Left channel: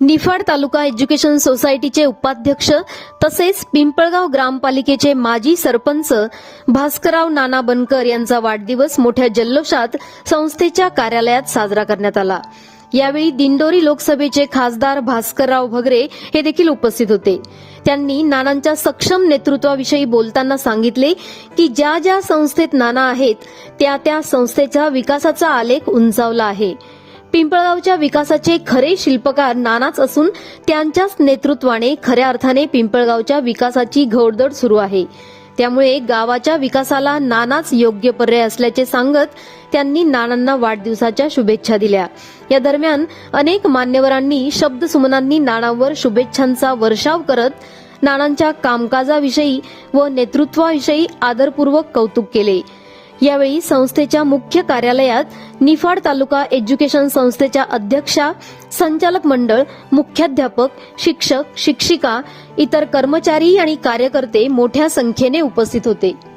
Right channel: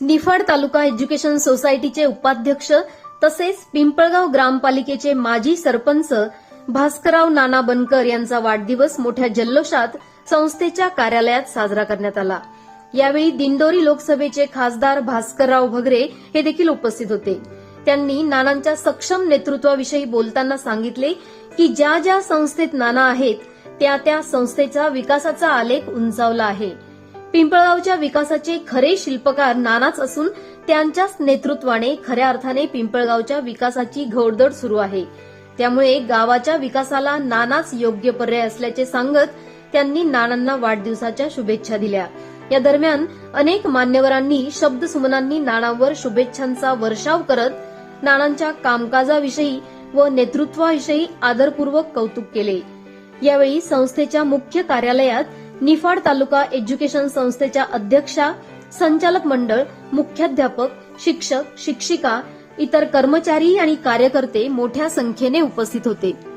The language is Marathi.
निफाड तालुका एज्युकेशन सोसायटीचे उपाध्यक्ष तसेच पिंपळगाव ग्रामपालिकेचे माजी सरपंच भास्करराव नाना बनकर यांचा वाढदिवस मोठ्या जल्लोषात संस्थेच्या कार्यालयात साजरा करण्यात आला. यावेळी दिंडोरी लोकसभेचे खासदार भास्करराव भगरे हे देखील उपस्थित होते. त्यांनी नानांच्या सक्षम नेतृत्वाविषयी बोलताना सांगितले की ज्या ज्या संस्थेत नाना आहेत त्या त्या संस्थेच्या विकासाचा आलेख उंचावला आहे. पिंपळगावच्या विकासाचे खरे शिल्पकार नानाच असून त्यांच्याच नेतृत्वाने खऱ्या अर्थाने पिंपळगावच्या विकासाची घोडदौड सुरू आहे. त्यामुळे गावाच्या विकासाला नानाच योग्य पर्याय असल्याचे सांगत त्यांनी नानांना वाढदिवसाच्या शुभेच्छा दिल्या. या दरम्यान अनेक मान्यवरांनी शब्दसुमनांनी नानांवर शुभेच्छांचा वर्षाव करत नानांच्या कामकाजाविषयी व नेतृत्वाविषयी आदरपूर्वक कौतुक केले. यावेळी संस्थेच्या मुख्य कार्यालयात निफाड तालुका एज्युकेशन संस्थेच्या अध्यक्षा संचालक मंडळ मुख्याध्यापक शिक्षक शिक्षिका इतर कर्मचारी आणि कार्यकर्ते मोठ्या संख्येने उपस्थित होते.